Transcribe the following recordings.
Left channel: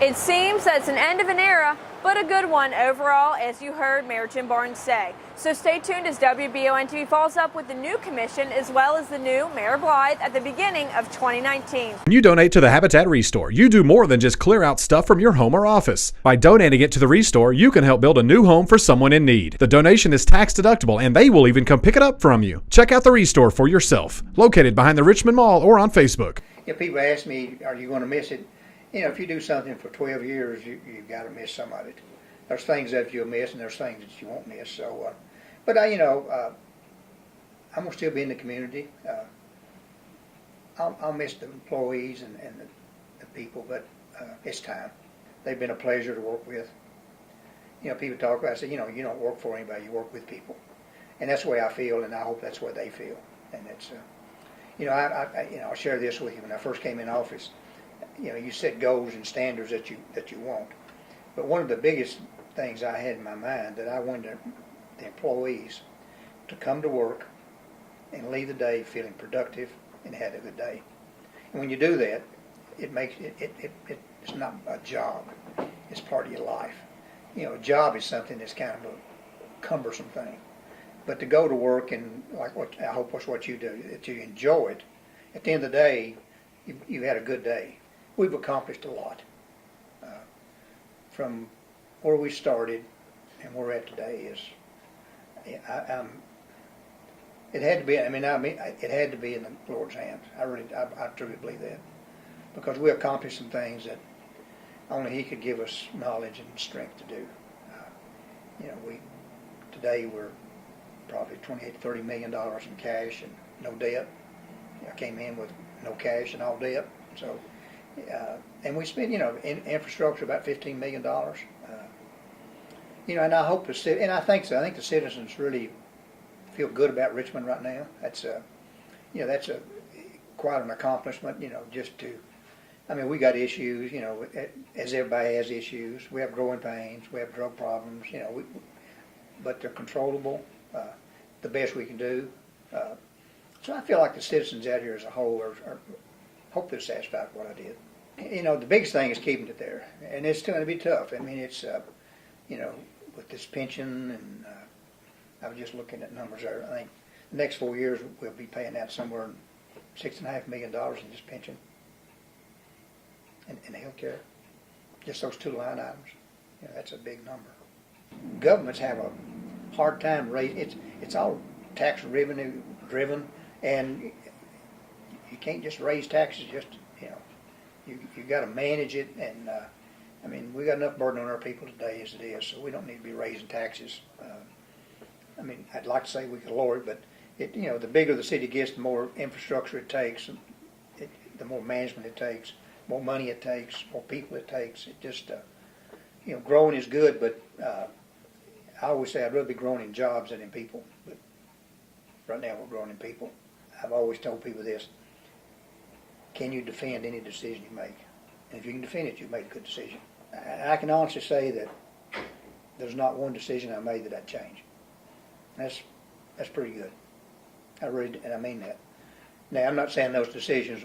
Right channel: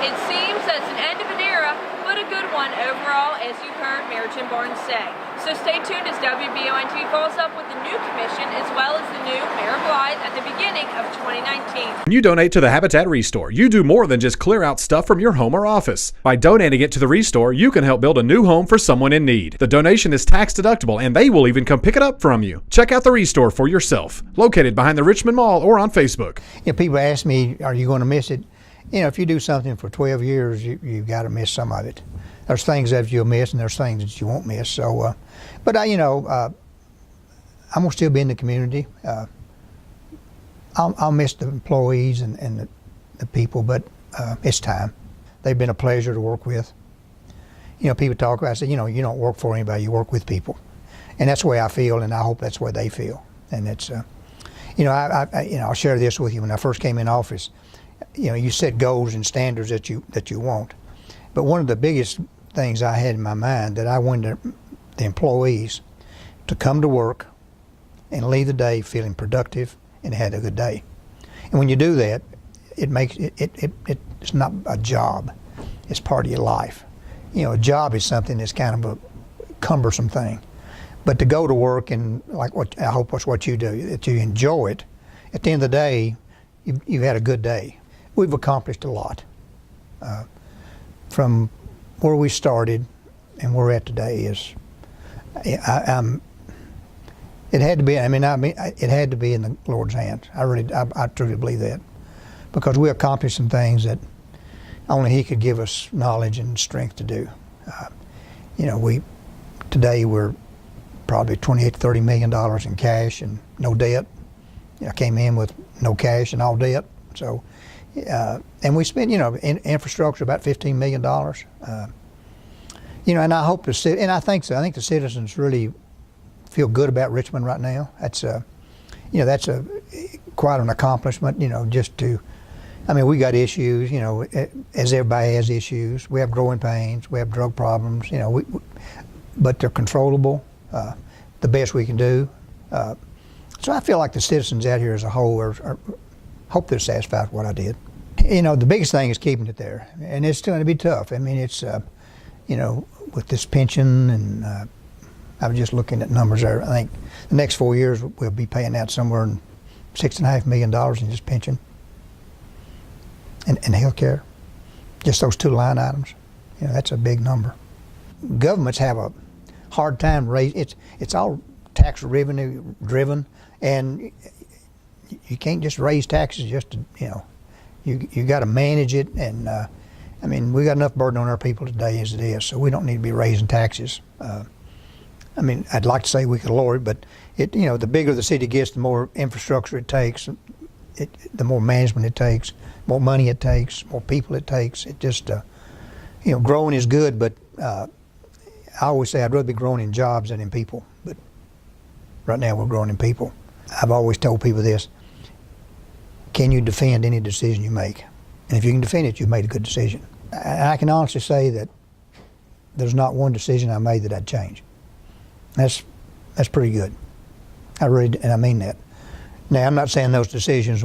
It seems that's an end of an era, but a good one overall, as you heard Mayor Jim Barnes say. So stay tuned as WBON-TV follows up with the new commission as well as the new Mayor Blythe at the beginning of 2019. When you donate to the Habitat Restore, you do more than just clear out stuff from your home or office. By donating it to the Restore, you can help build a new home for someone in need. The donation is tax deductible, and they will even come pick it up from you. Check out the Restore for yourself, located behind the Richmond Mall or on Facebook. You know, people ask me, are you going to miss it? You know, if you do something for 12 years, you've got to miss some of it. There's things that you'll miss, and there's things that you won't miss. So, but I'm gonna still be in the community. I'll miss the employees and the people, but it's time. They've been a pleasure to work with. You know, people talk about, I said, you know, you don't work for anybody, you work with people, and that's the way I feel, and I hope that's the way they feel. And it's, I'll share this with you. When I first came in office, you know, you set goals and standards that you want. But one of the biggest things I had in my mind that I wanted the employees to come to work and leave the day feeling productive and had a good day. And when you do that, it makes it's not a job, it's part of your life. You know, a job is something that's kind of a cumbersome thing. But to go to work and like I hope that's what you do, that you enjoy it, at the end of the day, you've had a good day. We've accomplished a lot. From where we started and where we're at today is, it had to be. It had to be in the Lord's hands. I truly believe that, because we accomplished some things that only He could give us knowledge and strength to do. Today we're probably $28 to $30 million in cash and no debt. I came in with no cash and all debt, so. And we spent, in infrastructure about $15 million. And I hope and I think so. I think the citizens really feel good about Richmond right now. That's quite an accomplishment. We got issues. As everybody has issues. We have growing pains. We have drug problems. But they're controllable. The best we can do. So I feel like the citizens out here as a whole hope they're satisfied with what I did. The biggest thing is keeping it there, and it's going to be tough. I mean, it's, with this pension, and I was just looking at numbers there. I think the next 4 years we'll be paying out somewhere in $6.5 million in just pension and health care. Just those two line items. That's a big number. Governments have a hard time raising. It's all tax revenue driven, and you can't just raise taxes just to, you got to manage it. And we got enough burden on our people today as it is, so we don't need to be raising taxes. I'd like to say we could lower it, but the bigger the city gets, the more infrastructure it takes, the more management it takes, more money it takes, more people it takes. It just, growing is good, but I always say I'd rather be growing in jobs than in people. But right now we're growing in people. I've always told people this: can you defend any decision you make? And if you can defend it, you've made a good decision. I can honestly say that there's not one decision I made that I'd change. That's pretty good. And I mean that. Now, I'm not saying those decisions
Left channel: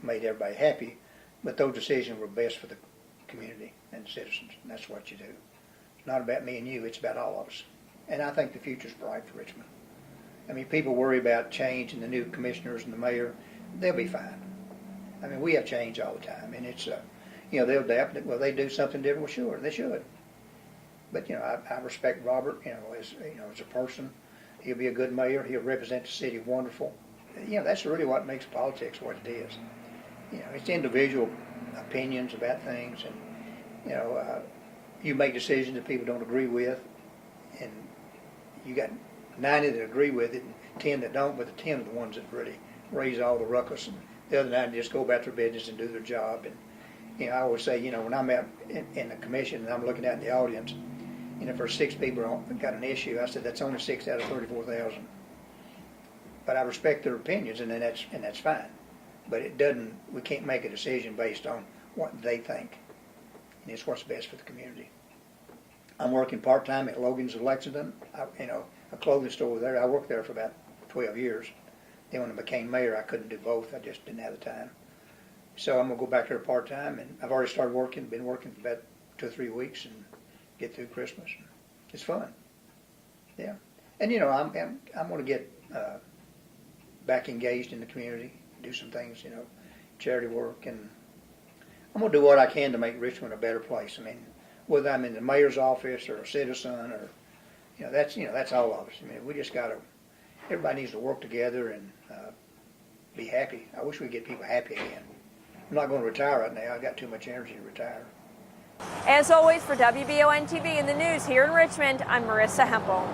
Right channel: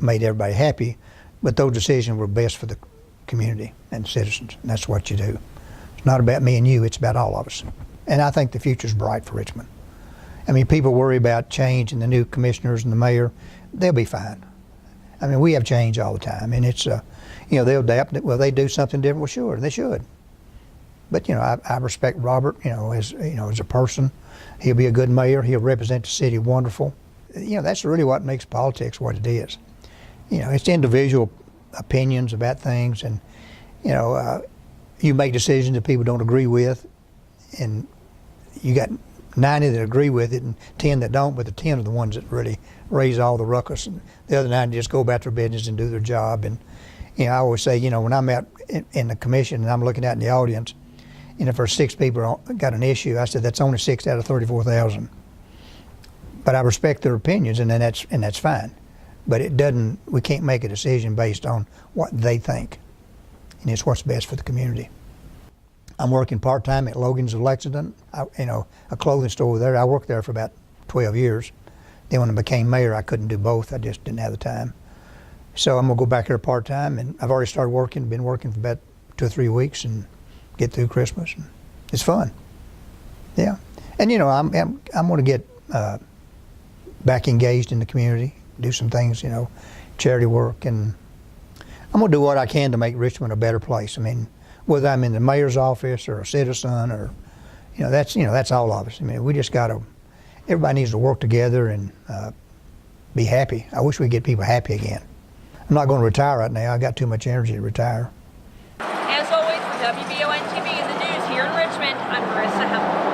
made everybody happy, but those decisions were best for the community and citizens, and that's what you do. It's not about me and you, it's about all of us. And I think the future's bright for Richmond. People worry about change and the new commissioners and the mayor. They'll be fine. We have change all the time, and it's, they'll adapt. Well, they do something different. Well, sure, they should. But I respect Robert. As a person, he'll be a good mayor. He'll represent the city wonderful. That's really what makes politics what it is. It's individual opinions about things, and you make decisions that people don't agree with, and you got 90 that agree with it and 10 that don't, but the 10 are the ones that really raise all the ruckus, and the other 9 just go about their business and do their job. And I always say, when I'm out in the commission and I'm looking out in the audience, if there's 6 people got an issue, I said that's only 6 out of 34,000. But I respect their opinions, and that's fine. But we can't make a decision based on what they think, and it's what's best for the community. I'm working part-time at Logan's of Lexington, a clothing store there. I worked there for about 12 years. Then when I became mayor, I couldn't do both. I just didn't have the time. So I'm gonna go back there part-time, and I've already started working, been working for about 2 or 3 weeks and get through Christmas. And it's fun. Yeah. And you know, I'm gonna get back engaged in the community, do some things, you know, charity work, and I'm gonna do what I can to make Richmond a better place. I mean, whether I'm in the mayor's office or a citizen, or that's all of us. I mean, we just everybody needs to work together and be happy. I wish we'd get people happy again. I'm not going to retire right now. I got too much energy to retire. As always, for WBON TV and the news here in Richmond, I'm Marissa Hempel.